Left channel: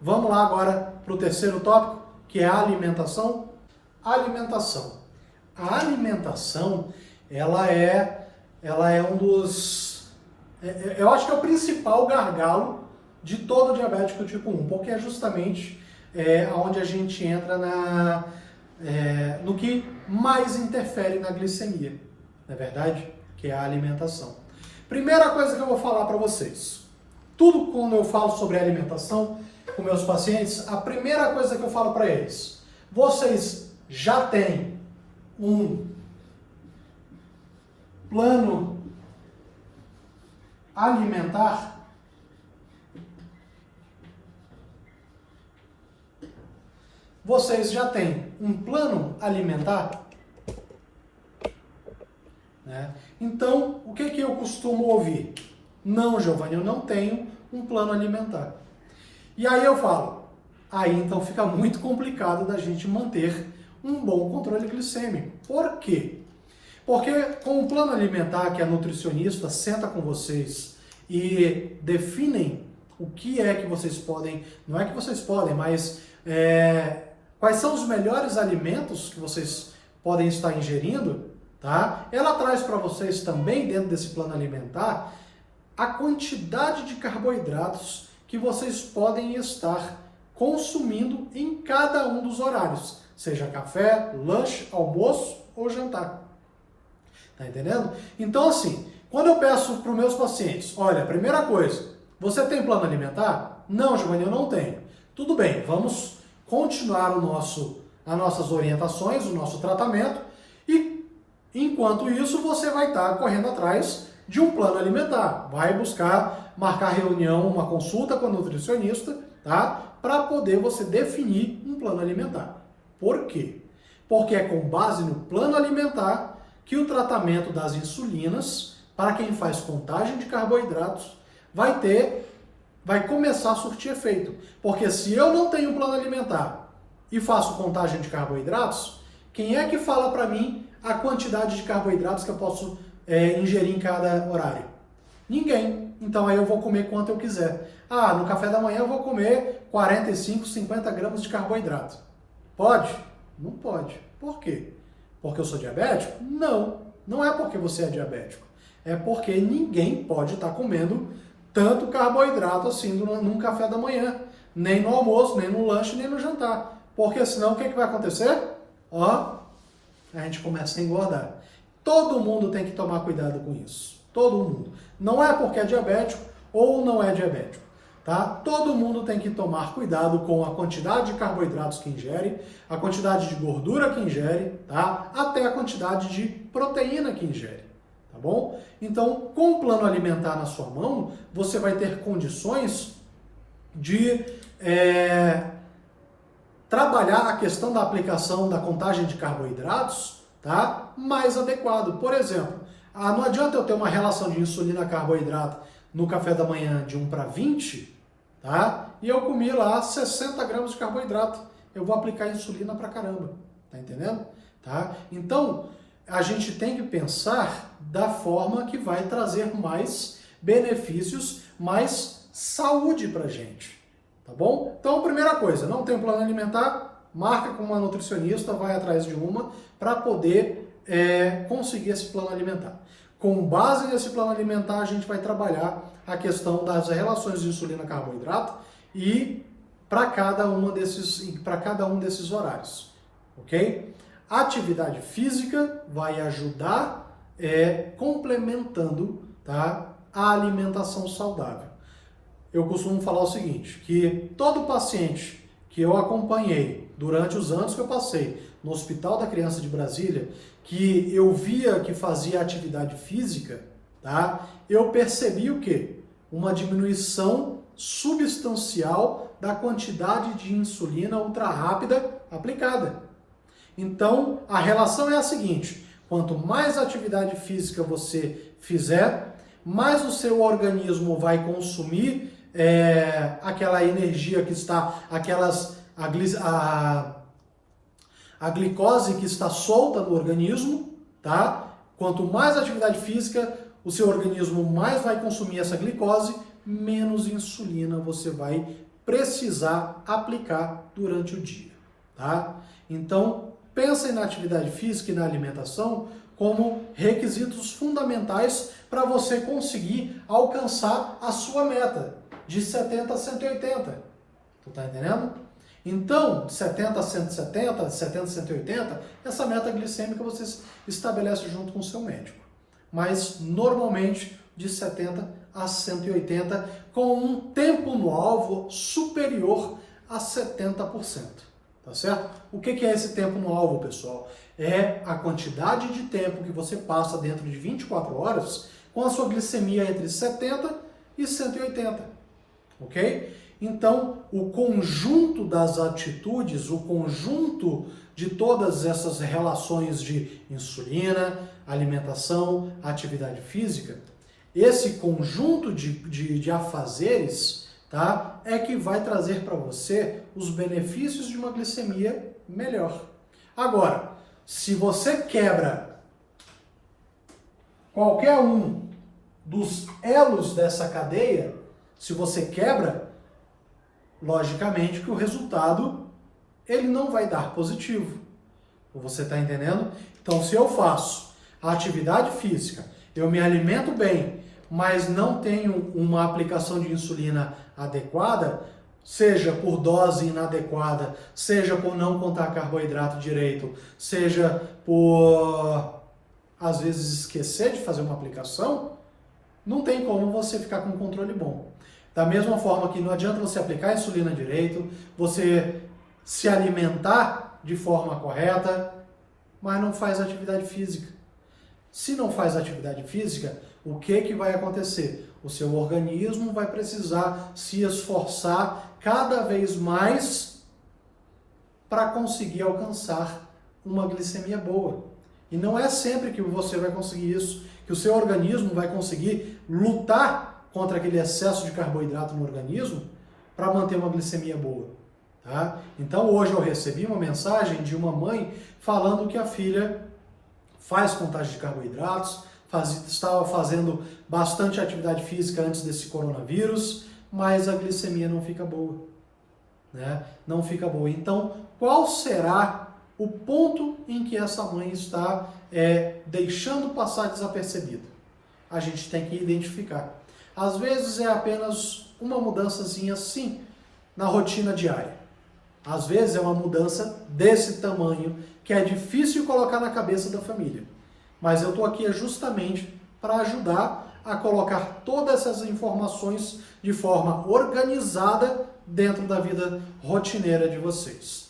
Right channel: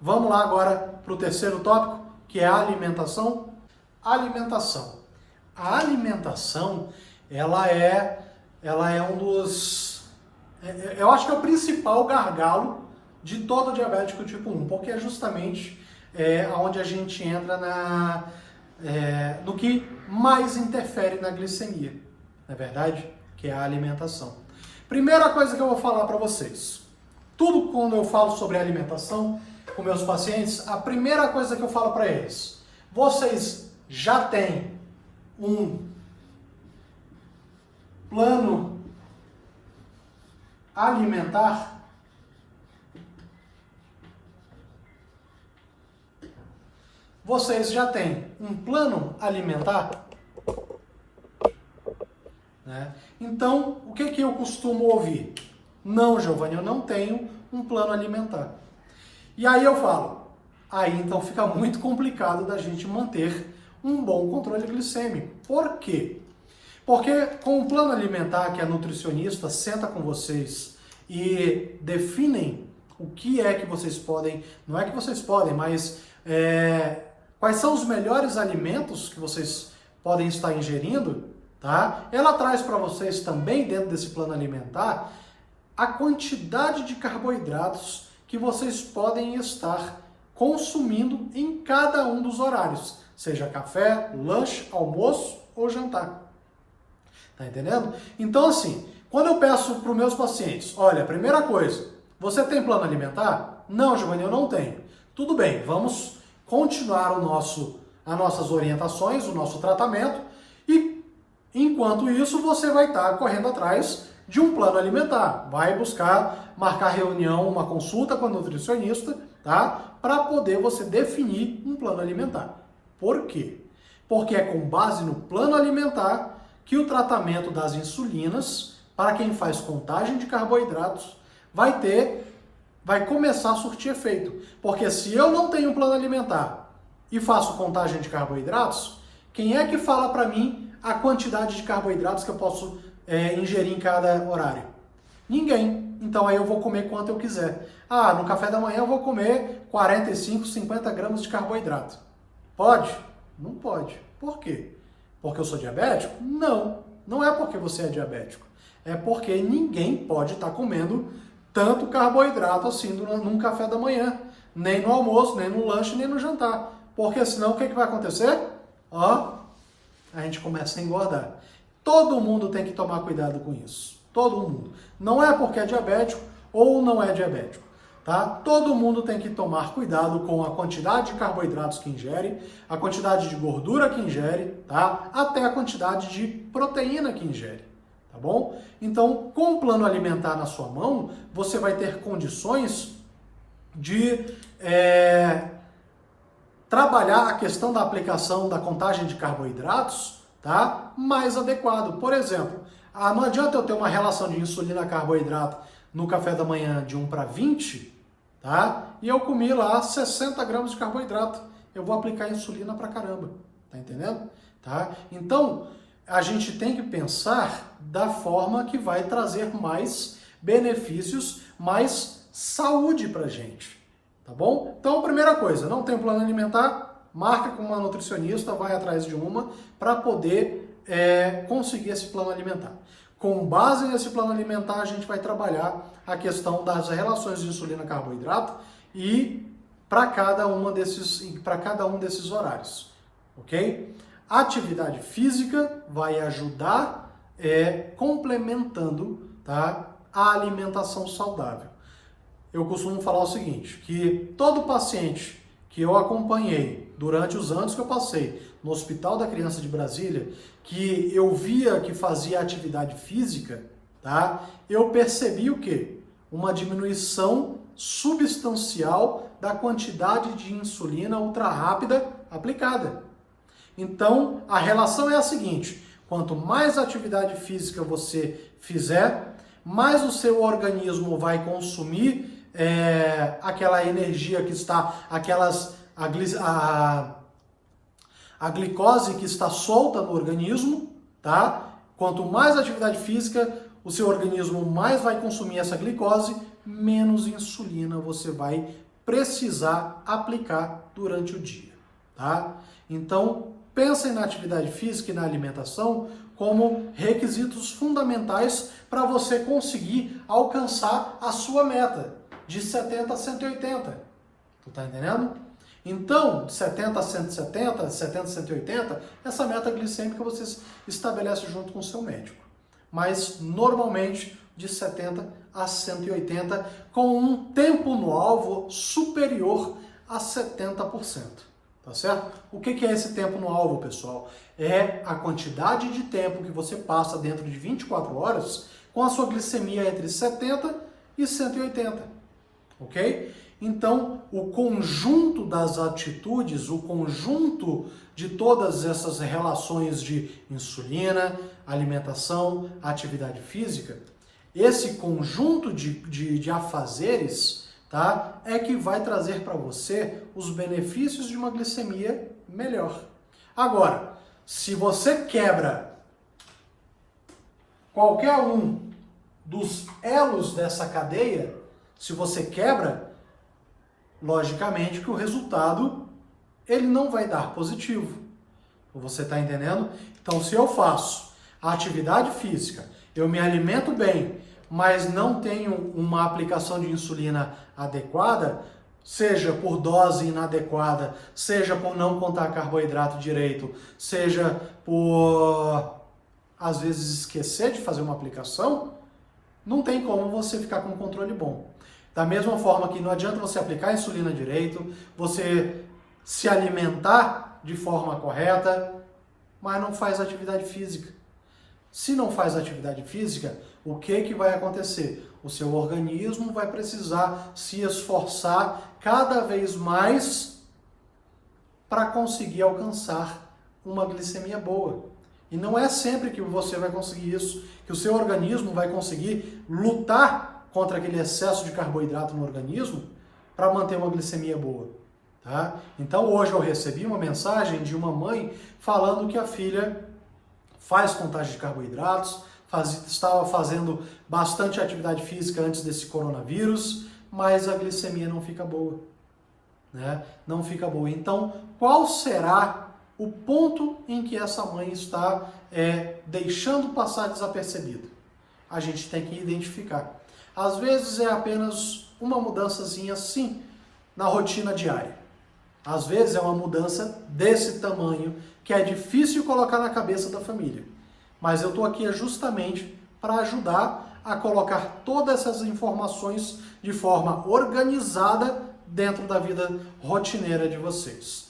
Vamos lá agora para o terceiro tópico, que é a alimentação. Alimentação. A alimentação, ela é um dos... Eu acho que é o principal gargalo de todo diabético tipo 1, porque é justamente onde a gente entra no que mais interfere na glicemia, não é verdade? Que é a alimentação. Primeira coisa que eu vou falar para vocês. Tudo quando eu falo sobre alimentação com meus pacientes, a primeira coisa que eu falo para eles, vocês já têm um plano alimentar? Vocês já têm um plano alimentar? Né? Então, o que eu costumo ouvir? Não, Giovanni, eu não tenho um plano alimentar. E aí eu falo, aí então fica muito complicado da gente manter um bom controle glicêmico. Por quê? Porque com o plano alimentar que a nutricionista senta com vocês e definem o que é que vocês podem, não é que vocês podem, mas quais são os melhores alimentos que vocês podem estar ingerindo, tá? Ela traz para vocês também, dentro desse plano alimentar, a quantidade de carboidratos que vocês podem estar consumindo em cada um dos horários, seja café, lanche, almoço ou jantar. Tá entendendo? Então, assim, quando eu peço para os meus pacientes, olha, primeira coisa, você tem plano alimentar? Não, Giovanni, eu não tenho. Tudo bem, vamos continuar as nossas orientações, o nosso tratamento, e enquanto isso você vai estar correndo atrás de um plano alimentar. Vai buscar marcar reunião, uma consulta com a nutricionista, tá? Para poder você definir um plano alimentar. Por quê? Porque é com base no plano alimentar que o tratamento das insulinas, para quem faz contagem de carboidratos, vai começar a surtir efeito. Porque se eu não tenho um plano alimentar e faço contagem de carboidratos, quem é que fala para mim a quantidade de carboidratos que eu posso ingerir em cada horário? Ninguém. Então aí eu vou comer quanto eu quiser. Ah, no café da manhã eu vou comer 45, 50 gramas de carboidrato. Pode? Não pode. Por quê? Porque eu sou diabético? Não. Não é porque você é diabético. É porque ninguém pode estar comendo tanto carboidrato assim num café da manhã. Nem no almoço, nem no lanche, nem no jantar. Porque senão o que vai acontecer? A gente começa a engordar. Todo mundo tem que tomar cuidado com isso. Todo mundo. Não é porque é diabético ou não é diabético. Tá? Todo mundo tem que tomar cuidado com a quantidade de carboidratos que ingere, a quantidade de gordura que ingere, tá? Até a quantidade de proteína que ingere. Tá bom? Então, com o plano alimentar na sua mão, você vai ter condições de trabalhar a questão da aplicação da contagem de carboidratos, tá? Mais adequado. Por exemplo, não adianta eu ter uma relação de insulina-carboidrato no café da manhã de 1 para 20, tá? E eu comi lá 60 gramas de carboidrato. Eu vou aplicar insulina pra caramba. Tá entendendo? Tá? Então, a gente tem que pensar da forma que vai trazer mais benefícios, mais saúde pra gente. Tá bom? Então, primeira coisa, não tem plano alimentar? Marca com uma nutricionista, vai atrás de uma para poder conseguir esse plano alimentar. Com base nesse plano alimentar, a gente vai trabalhar a questão das relações de insulina-carboidrato e para cada um desses horários, ok? A atividade física vai ajudar complementando, tá, a alimentação saudável. Eu costumo falar o seguinte, que todo paciente que eu acompanhei durante os anos que eu passei no Hospital da Criança de Brasília, que eu via que fazia atividade física, tá? Eu percebi o quê? Uma diminuição substancial da quantidade de insulina ultra rápida aplicada. Então, a relação é a seguinte, quanto mais atividade física você fizer, mais o seu organismo vai consumir aquela energia que está, a glicose que está solta no organismo, tá? Quanto mais atividade física, o seu organismo mais vai consumir essa glicose, menos insulina você vai precisar aplicar durante o dia, tá? Então, pensem na atividade física e na alimentação como requisitos fundamentais para você conseguir alcançar a sua meta de 70 a 180. Tu tá entendendo? Então, 70 a 170, 70 a 180, essa meta glicêmica você estabelece junto com o seu médico. Mas, normalmente, de 70 a 180, com um tempo no alvo superior a 70%. Tá certo? O que é esse tempo no alvo, pessoal? É a quantidade de tempo que você passa dentro de 24 horas com a sua glicemia entre 70 e 180. Ok? Então, o conjunto das atitudes, o conjunto de todas essas relações de insulina, alimentação, atividade física, esse conjunto de afazeres, tá, é que vai trazer para você os benefícios de uma glicemia melhor. Agora, se você quebra qualquer um dos elos dessa cadeia, se você quebra, logicamente que o resultado ele não vai dar positivo. Você está entendendo? Então, se eu faço a atividade física, eu me alimento bem, mas não tenho uma aplicação de insulina adequada, seja por dose inadequada, seja por não contar carboidrato direito, seja por, às vezes, esquecer de fazer uma aplicação, não tem como você ficar com um controle bom. Da mesma forma que não adianta você aplicar a insulina direito, você se alimentar de forma correta, mas não faz atividade física. Se não faz atividade física, o que vai acontecer? O seu organismo vai precisar se esforçar cada vez mais para conseguir alcançar uma glicemia boa. E não é sempre que você vai conseguir isso, que o seu organismo vai conseguir lutar contra aquele excesso de carboidrato no organismo para manter uma glicemia boa. Tá? Então hoje eu recebi uma mensagem de uma mãe falando que a filha faz contagem de carboidratos, estava fazendo bastante atividade física antes desse coronavírus, mas a glicemia não fica boa. Né? Não fica boa. Então, qual será o ponto em que essa mãe está deixando passar desapercebido? A gente tem que identificar. Às vezes é apenas uma mudançazinha, sim, na rotina diária. Às vezes é uma mudança desse tamanho que é difícil colocar na cabeça da família. Mas eu estou aqui justamente para ajudar a colocar todas essas informações de forma organizada dentro da vida rotineira de vocês.